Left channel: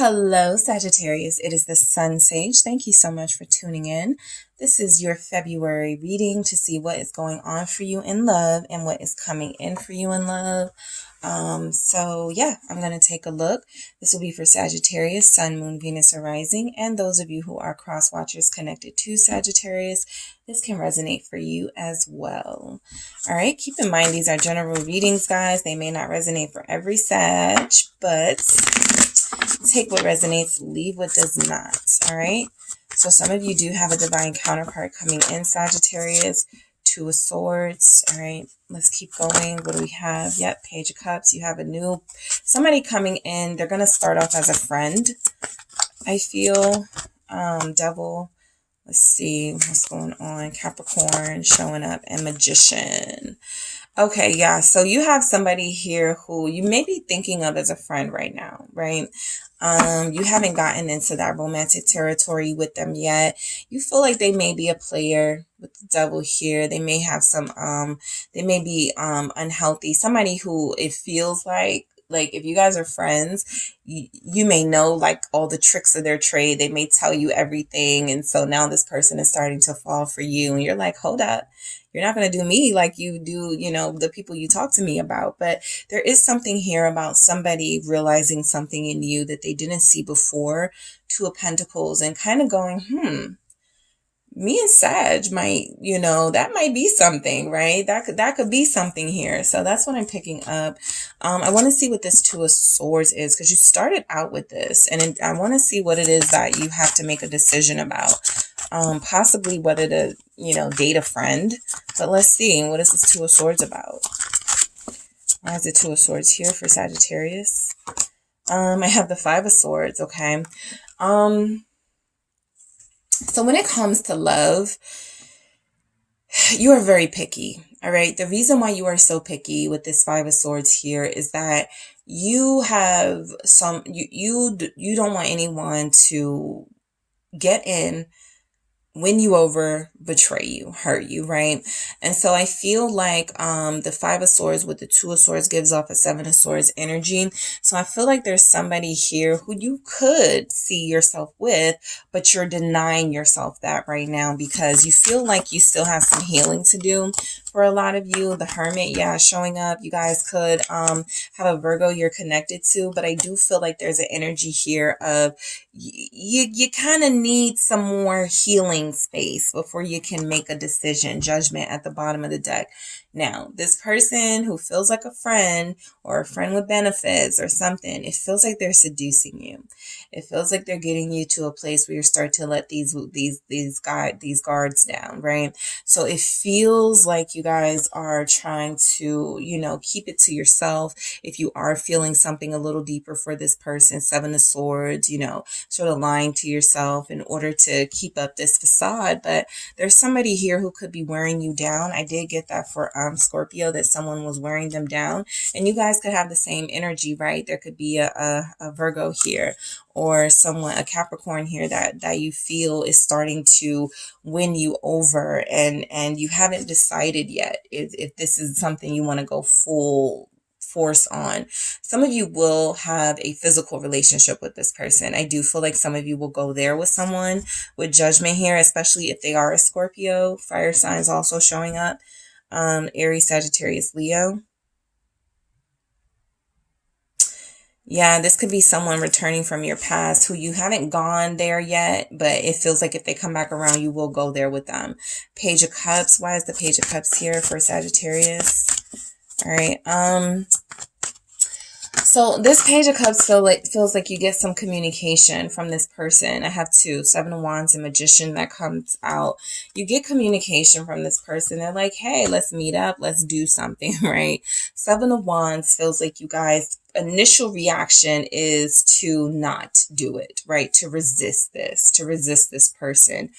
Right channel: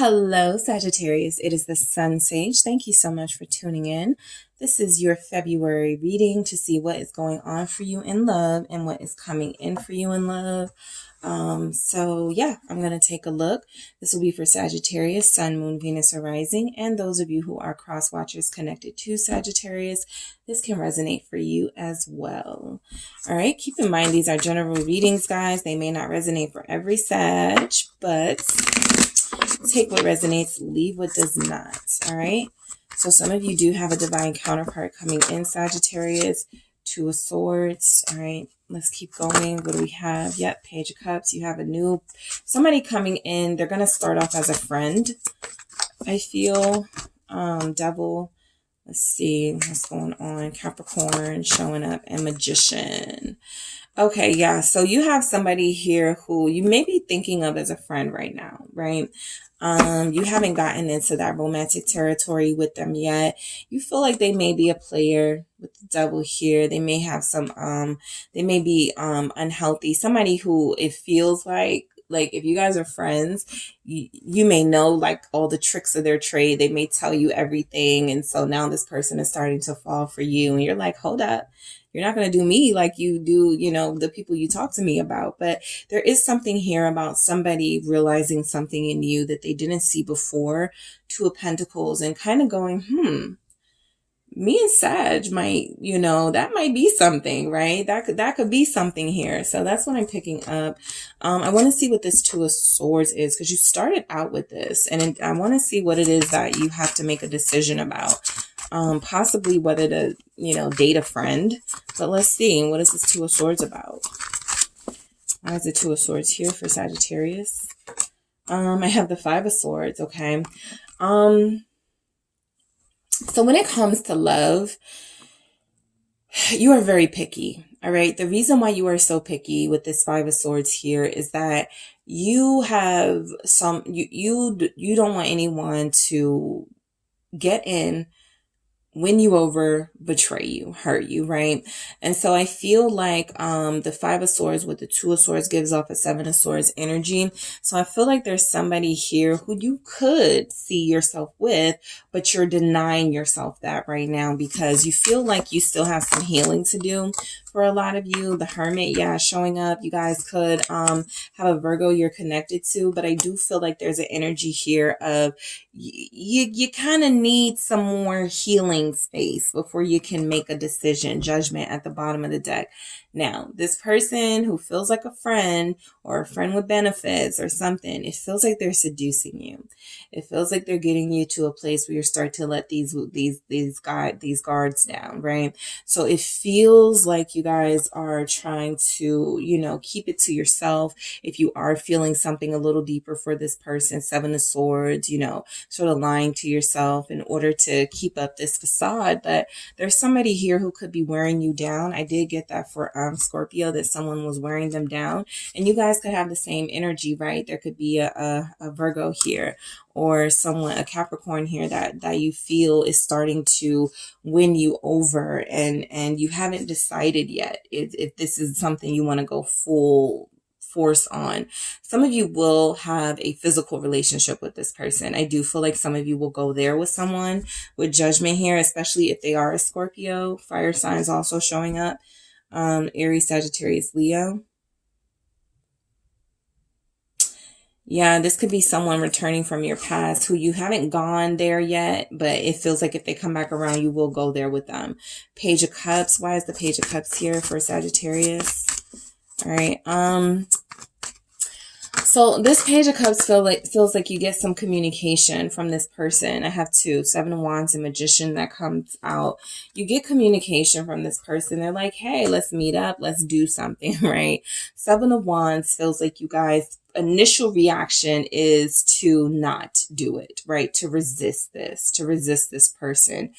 Hello, Sagittarius. It is the Sun Sage. Thank you so much for tuning in. This is your February reading to see what is going on for you in love and what is coming in for you in love. I'm going to take a look. This will be for Sagittarius, Sun, Moon, Venus, or Rising, and those of you who are cross watchers connected to Sagittarius, this can resonate for you as well. All right, keep in mind these are general readings, guys. They may not resonate for every Sag, but take what resonates, leave what does not. All right, so some of you do have a divine counterpart coming in, Sagittarius. Two of Swords. All right, let's keep going. What do we have? Yep, Page of Cups. You have somebody coming in. They're going to start off as a friend, I feel. Devil. Let's see what's going on. Capricorn showing up, and Magician. Okay, yeah, so you have somebody here who you may be thinking of as a friend right now, right? You haven't gotten into that romantic territory with them yet. You feel like they may be a player with the Devil here. They may have they may be unhealthy. Somebody who it feels like if you guys are friends, you may know like all the tricks of their trade. They may tell you everything. And so now this person is starting to fall for you. And you're like, hold up. You're not going to do me like you do, the people you talk to me about. But there is something here about somebody realizing something in you that they didn't see before. Two of Pentacles, and kind of going, me and Sag might, that might be something, right? That could be something here. So that's what I'm picking up. I want to see what this Two of Swords is, because you started out with this, and I want to see what it is that you have to make a decision about. Possibly whether to, date a friend. But let's see, what is this Two of Swords about? Why is the Two of Swords here for Sagittarius? I have the Five of Swords, okay. So when it comes to love, you are very picky, all right? The reason why you are so picky with this Five of Swords here is that you have you don't want anyone to get in, win you over, betray you, hurt you, right? And so I feel like the Five of Swords with the Two of Swords gives off a Seven of Swords energy. So I feel like there's somebody here who you could see yourself with, but you're denying yourself that right now because you feel like you still have some healing to do. For a lot of you, the Hermit, yeah, showing up. You guys could have a Virgo you're connected to, but I do feel like there's an energy here of you kind of need some more healing space before you can make a decision. Judgment at the bottom of the deck. Now, this person who feels like a friend or a friend with benefits or something, it feels like they're seducing you. It feels like they're getting you to a place where you start to let these guards down, right? So it feels like you guys are trying to, keep it to yourself. If you are feeling something a little deeper for this person, Seven of Swords, sort of lying to yourself in order to keep up this facade. But there's somebody here who could be wearing you down. I did get that for Scorpio, that someone was wearing them down, and you guys could have the same energy, right? There could be a Virgo here, or a Capricorn here that you feel is starting to win you over, and you haven't decided yet if this is something you want to go full force on. Some of you will have a physical relationship with this person. I do feel like some of you will go there with someone with Judgment here, especially if they are a Scorpio. Fire signs also showing up. Aries, Sagittarius, Leo. Yeah, this could be someone returning from your past who you haven't gone there yet, but it feels like if they come back around, you will go there with them. Page of Cups. Why is the Page of Cups here for Sagittarius? All right. So this Page of Cups feels like you get some communication from this person. I have two, Seven of Wands and Magician that comes out. You get communication from this person. They're like, hey, let's meet up. Let's do something, right? Seven of Wands feels like you guys' initial reaction is to not do it, right? To resist this person.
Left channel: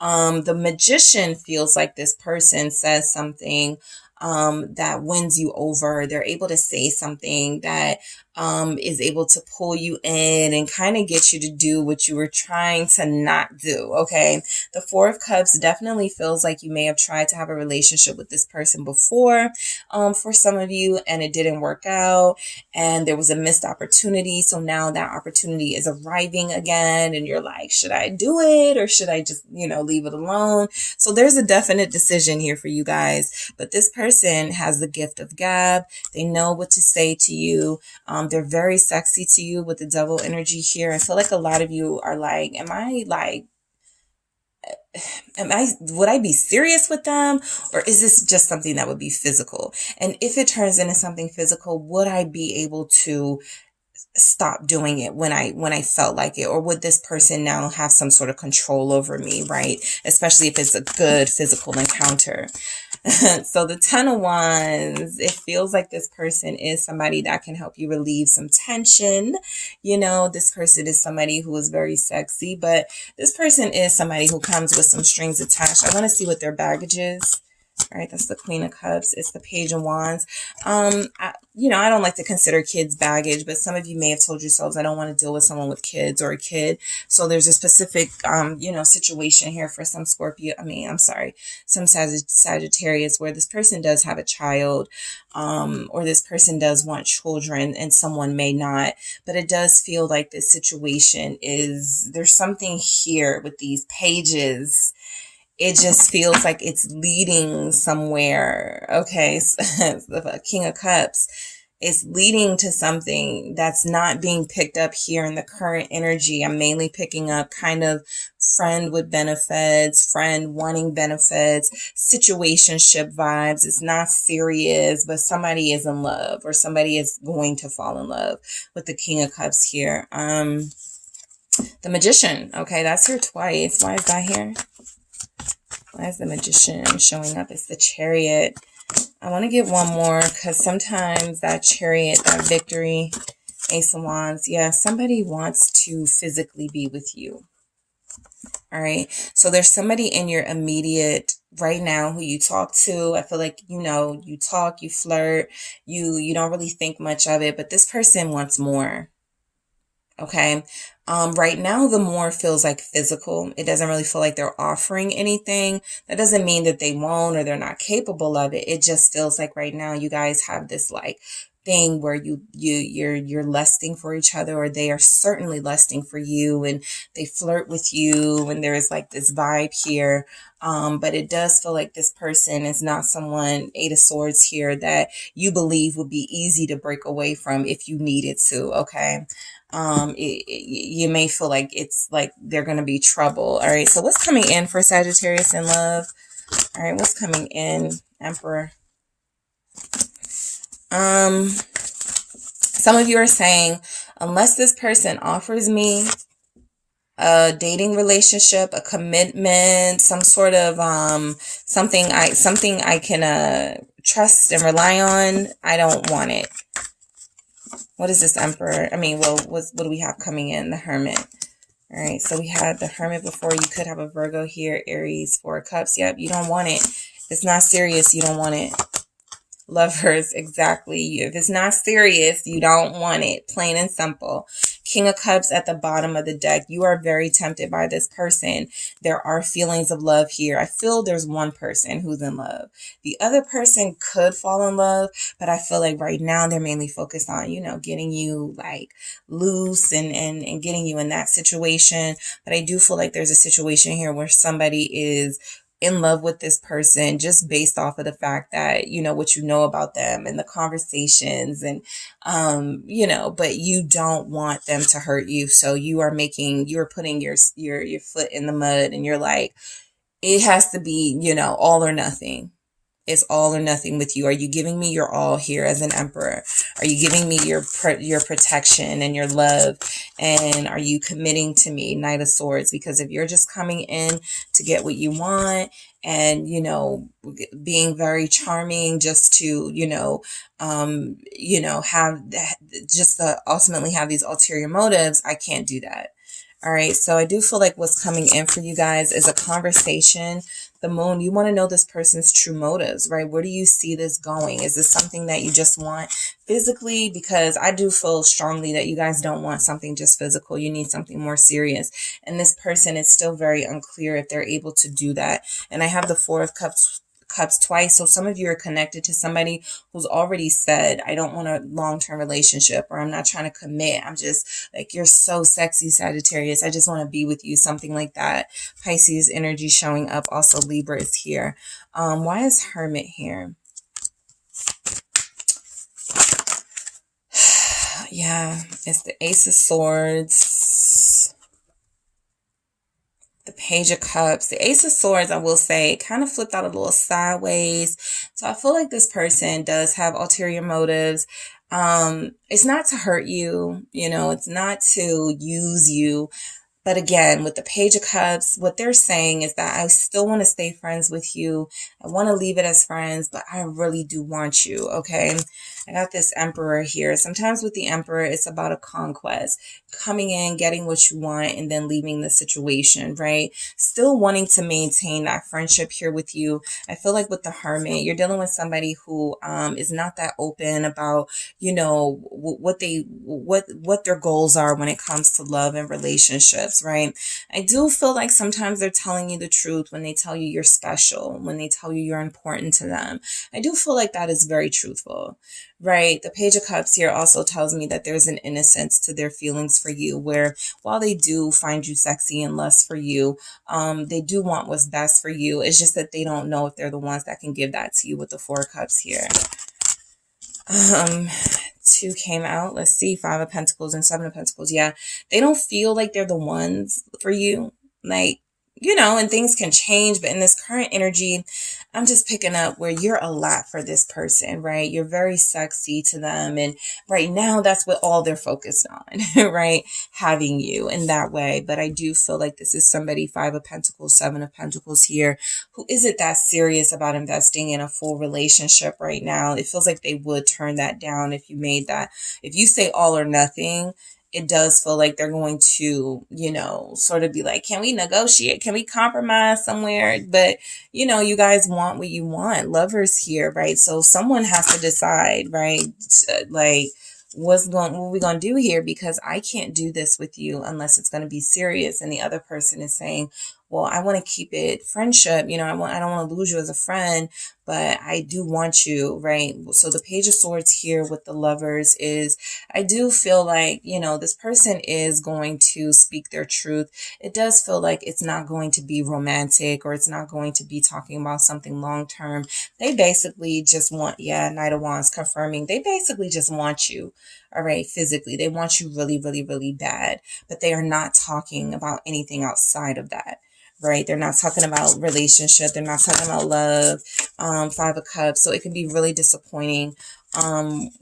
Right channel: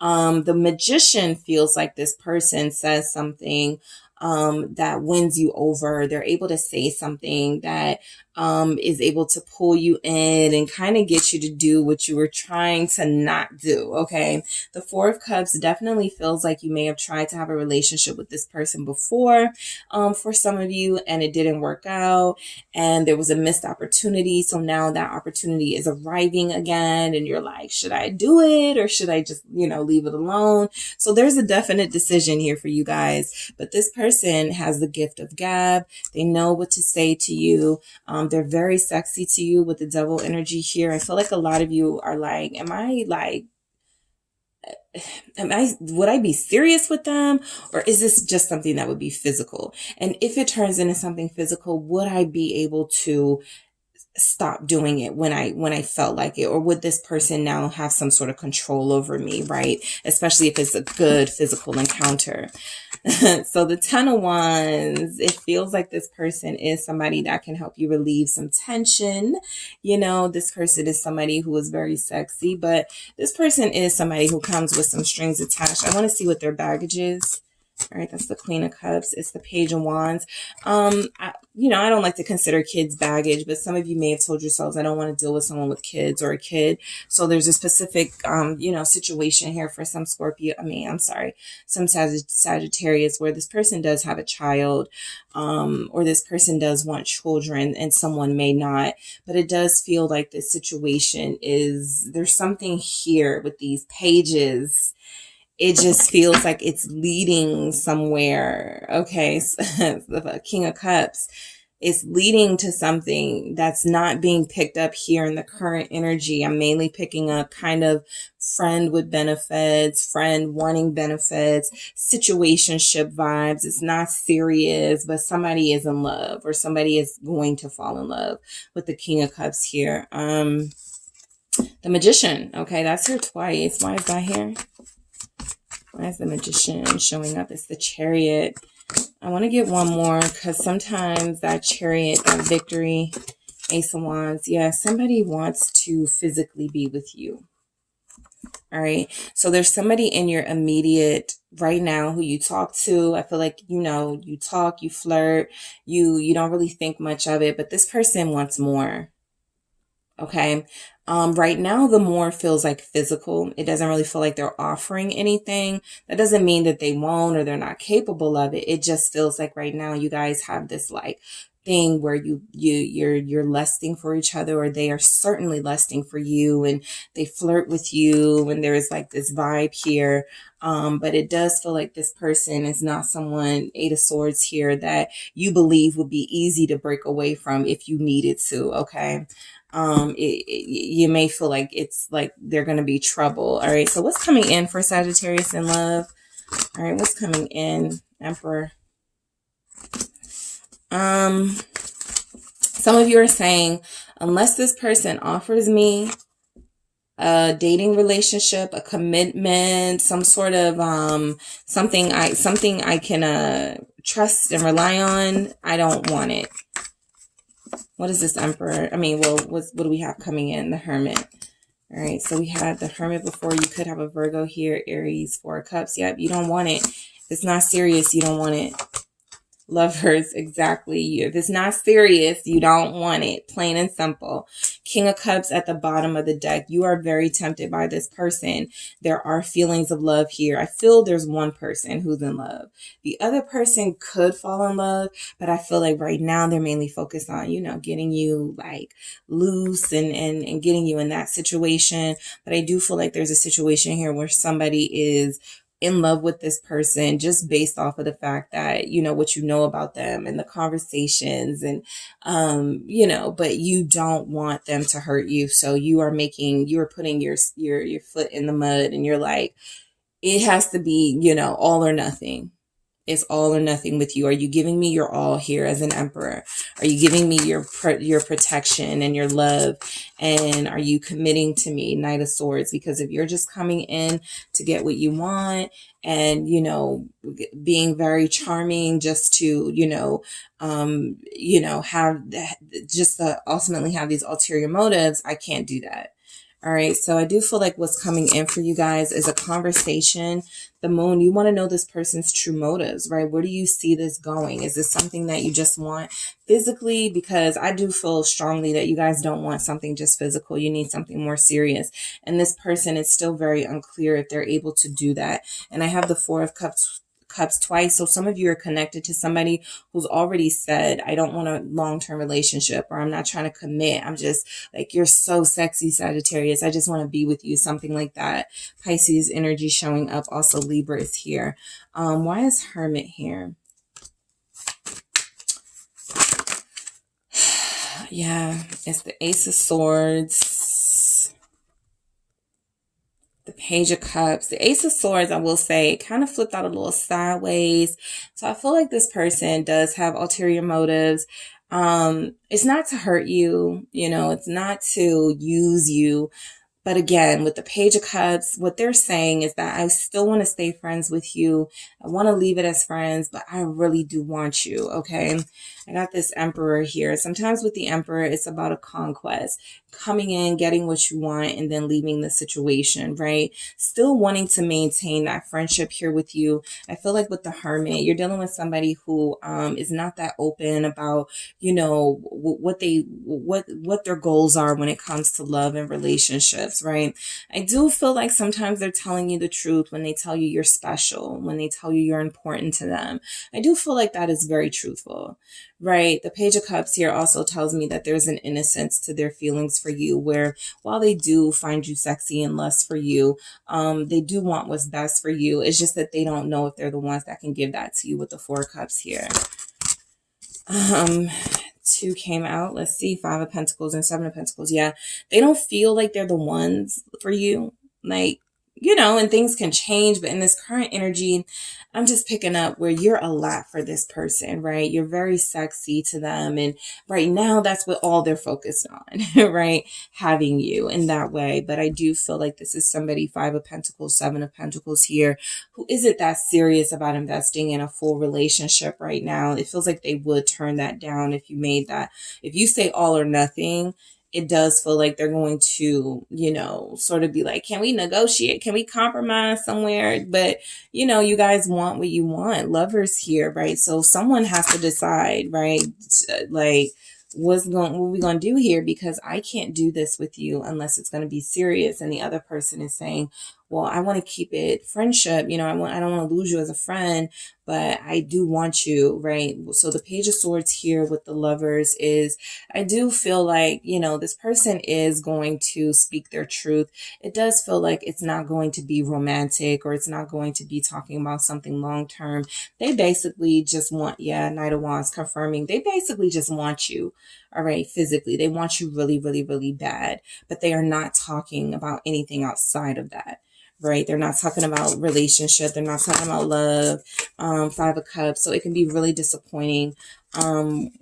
The Magician feels like this person says something that wins you over. They're able to say something that is able to pull you in and kind of get you to do what you were trying to not do. Okay. The Four of Cups definitely feels like you may have tried to have a relationship with this person before, for some of you, and it didn't work out, and there was a missed opportunity. So now that opportunity is arriving again, and you're like, should I do it or should I just, leave it alone? So there's a definite decision here for you guys, but this person has the gift of gab. They know what to say to you. They're very sexy to you with the Devil energy here. I feel like a lot of you are like, would I be serious with them? Or is this just something that would be physical? And if it turns into something physical, would I be able to stop doing it when I felt like it? Or would this person now have some sort of control over me, right? Especially if it's a good physical encounter. So the Ten of Wands, it feels like this person is somebody that can help you relieve some tension. This person is somebody who is very sexy, but this person is somebody who comes with some strings attached. I want to see what their baggage is. All right, that's the Queen of Cups. It's the Page of Wands. I don't like to consider kids baggage, but some of you may have told yourselves, I don't want to deal with someone with kids or a kid. So there's a specific, situation here for some some Sagittarius where this person does have a child, or this person does want children and someone may not. But it does feel like this situation there's something here with these pages. It just feels like it's leading somewhere. Okay. So, the King of Cups is leading to something that's not being picked up here in the current energy. I'm mainly picking up kind of friend with benefits, friend wanting benefits, situationship vibes. It's not serious, but somebody is in love or somebody is going to fall in love with the King of Cups here. The Magician. Okay. That's here twice. Why is that here? Why is the Magician showing up? It's the Chariot. I want to get one more because sometimes that Chariot, that Victory, Ace of Wands, yeah, somebody wants to physically be with you. All right. So there's somebody in your immediate right now who you talk to. I feel like, you talk, you flirt, you don't really think much of it, but this person wants more. Okay. Right now, the more feels like physical. It doesn't really feel like they're offering anything. That doesn't mean that they won't or they're not capable of it. It just feels like right now you guys have this like thing where you're lusting for each other, or they are certainly lusting for you, and they flirt with you, and there is like this vibe here. But it does feel like this person is not someone, Eight of Swords here, that you believe would be easy to break away from if you needed to. Okay. You may feel like it's like they're going to be trouble. All right. So what's coming in for Sagittarius in love? All right. What's coming in, Emperor? Some of you are saying, unless this person offers me a dating relationship, a commitment, some sort of, something I can, trust and rely on, I don't want it. What is this, Emperor? What do we have coming in? The Hermit. All right, so we had the Hermit before. You could have a Virgo here, Aries, Four of Cups. Yep, you don't want it. If it's not serious, you don't want it. Lovers, exactly. If it's not serious, you don't want it. Plain and simple. King of Cups at the bottom of the deck. You are very tempted by this person. There are feelings of love here. I feel there's one person who's in love. The other person could fall in love, but I feel like right now they're mainly focused on, getting you like loose and getting you in that situation. But I do feel like there's a situation here where somebody is in love with this person just based off of the fact that, what you know about them and the conversations and, but you don't want them to hurt you. So you're putting your foot in the mud and you're like, it has to be, all or nothing. It's all or nothing with you. Are you giving me your all here as an Emperor? Are you giving me your protection and your love? And are you committing to me, Knight of Swords? Because if you're just coming in to get what you want and, being very charming just to, have just to ultimately have these ulterior motives, I can't do that. All right, so I do feel like what's coming in for you guys is a conversation. The moon, you want to know this person's true motives, right? Where do you see this going? Is this something that you just want physically? Because I do feel strongly that you guys don't want something just physical. You need something more serious. And this person is still very unclear if they're able to do that. And I have the Four of Cups twice. So some of you are connected to somebody who's already said, I don't want a long-term relationship, or I'm not trying to commit. I'm just like, you're so sexy, Sagittarius. I just want to be with you. Something like that. Pisces energy showing up. Also Libra is here. Why is Hermit here? Yeah, it's the Ace of Swords. The Page of Cups. The Ace of Swords, I will say, kind of flipped out a little sideways. So I feel like this person does have ulterior motives. It's not to hurt you, you know, it's not to use you. But again, with the Page of Cups, what they're saying is that I still want to stay friends with you. I want to leave it as friends, but I really do want you, okay? I got this Emperor here. Sometimes with the Emperor, it's about a conquest. Coming in, getting what you want, and then leaving the situation, right? Still wanting to maintain that friendship here with you. I feel like with the Hermit, you're dealing with somebody who is not that open about, you know, what their goals are when it comes to love and relationships, right? I do feel like sometimes they're telling you the truth when they tell you you're special, when they tell you you're important to them. I do feel like that is very truthful, right? The Page of Cups here also tells me that there's an innocence to their feelings for you, where while they do find you sexy and lust for you, they do want what's best for you. It's just that they don't know if they're the ones that can give that to you with the Four of Cups here. Two came out. Let's see. Five of Pentacles and Seven of Pentacles. Yeah. They don't feel like they're the ones for you. Like, you know, and things can change, but in this current energy, I'm just picking up where you're a lot for this person, right? You're very sexy to them. And right now, that's what all they're focused on, right? Having you in that way. But I do feel like this is somebody, Five of Pentacles, Seven of Pentacles here, who isn't that serious about investing in a full relationship right now. It feels like they would turn that down if you made that. If you say all or nothing, it does feel like they're going to, you know, sort of be like, can we negotiate? Can we compromise somewhere? But, you know, you guys want what you want. Lovers here, right? So someone has to decide, right? Like, what we going to do here? Because I can't do this with you unless it's going to be serious. And the other person is saying, well, I want to keep it friendship. You know, I don't want to lose you as a friend, but I do want you, right? So the Page of Swords here with the Lovers is, I do feel like, you know, this person is going to speak their truth. It does feel like it's not going to be romantic, or it's not going to be talking about something long-term. They basically just want, yeah, Knight of Wands confirming, they basically just want you, all right, physically. They want you really, really, really bad, but they are not talking about anything outside of that. Right? They're not talking about relationship. They're not talking about love. Five of Cups. So it can be really disappointing,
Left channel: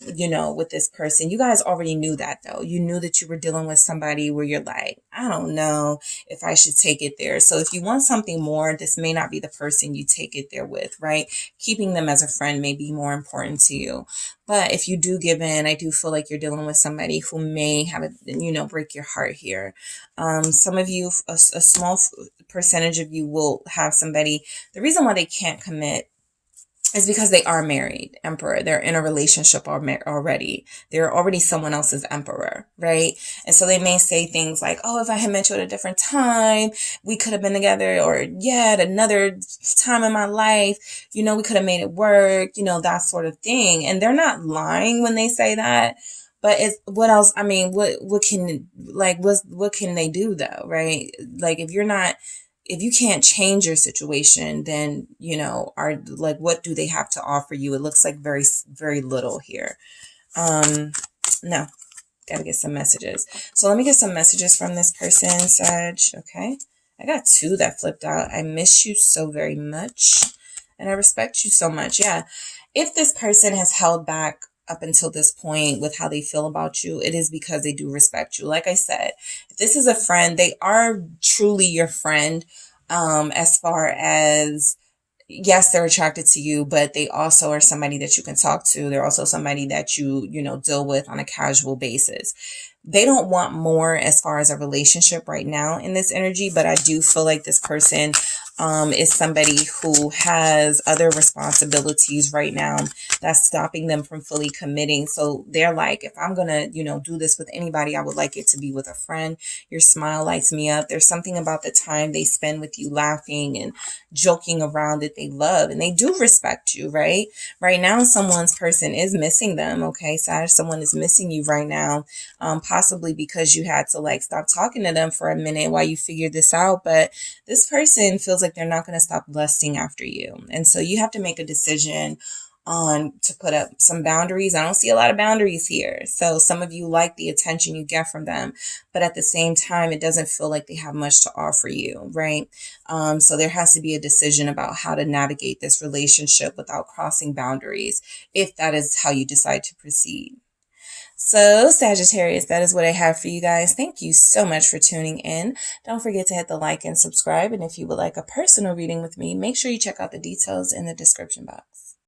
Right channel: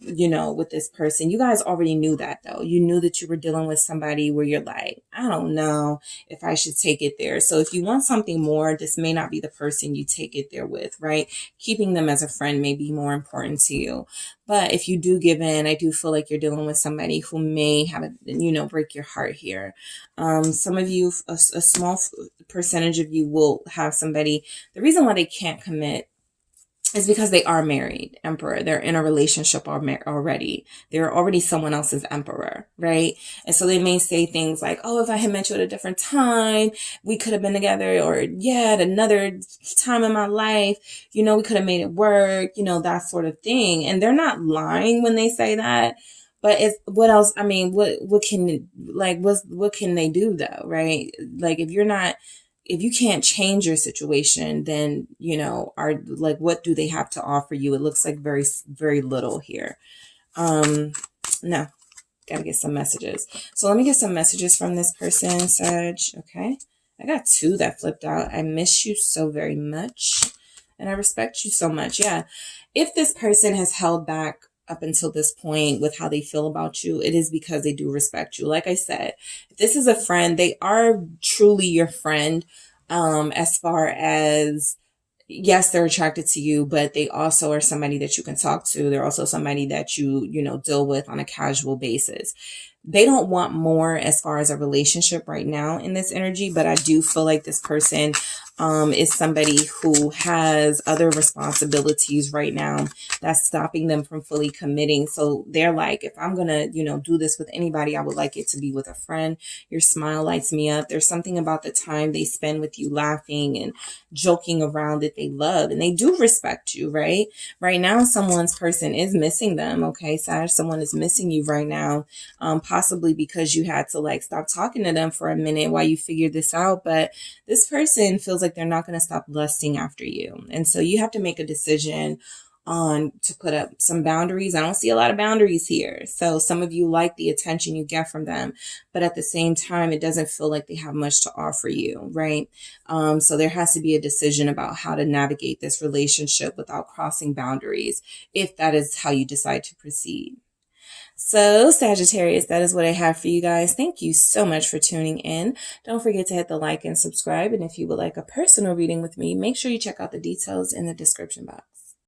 you know, with this person. You guys already knew that though. You knew that you were dealing with somebody where you're like, I don't know if I should take it there. So if you want something more, this may not be the person you take it there with, right? Keeping them as a friend may be more important to you. But if you do give in, I do feel like you're dealing with somebody who may have, you know, break your heart here. Some of you, a small percentage of you will have somebody. The reason why they can't commit is because they are married, Emperor. They're in a relationship already. They're already someone else's Emperor, right? And so they may say things like, oh, if I had met you at a different time, we could have been together, or yeah, at another time in my life, you know, we could have made it work, you know, that sort of thing. And they're not lying when they say that. But it's, what else? I mean, what can, like, what can they do though, right? Like, if you can't change your situation, then, you know, are like, what do they have to offer you? It looks like very, very little here. No, gotta get some messages. So let me get some messages from this person, Sag. Okay. I got two that flipped out. I miss you so very much, and I respect you so much. Yeah. If this person has held back up until this point with how they feel about you, it is because they do respect you. Like I said, if this is a friend, they are truly your friend, as far as, yes, they're attracted to you, but they also are somebody that you can talk to. They're also somebody that you know, deal with on a casual basis. They don't want more as far as a relationship right now in this energy, but I do feel like this person is somebody who has other responsibilities right now that's stopping them from fully committing. So they're like, if I'm gonna, you know, do this with anybody, I would like it to be with a friend. Your smile lights me up. There's something about the time they spend with you laughing and joking around that they love, and they do respect you, right? Right now, someone's person is missing them. Okay, Sag, someone is missing you right now, possibly because you had to like stop talking to them for a minute while you figured this out. But this person feels like they're not going to stop lusting after you. And so you have to make a decision on to put up some boundaries. I don't see a lot of boundaries here. So some of you like the attention you get from them, but at the same time, it doesn't feel like they have much to offer you, right? So there has to be a decision about how to navigate this relationship without crossing boundaries, if that is how you decide to proceed. So, Sagittarius, that is what I have for you guys. Thank you so much for tuning in. Don't forget to hit the like and subscribe. And if you would like a personal reading with me, make sure you check out the details in the description box.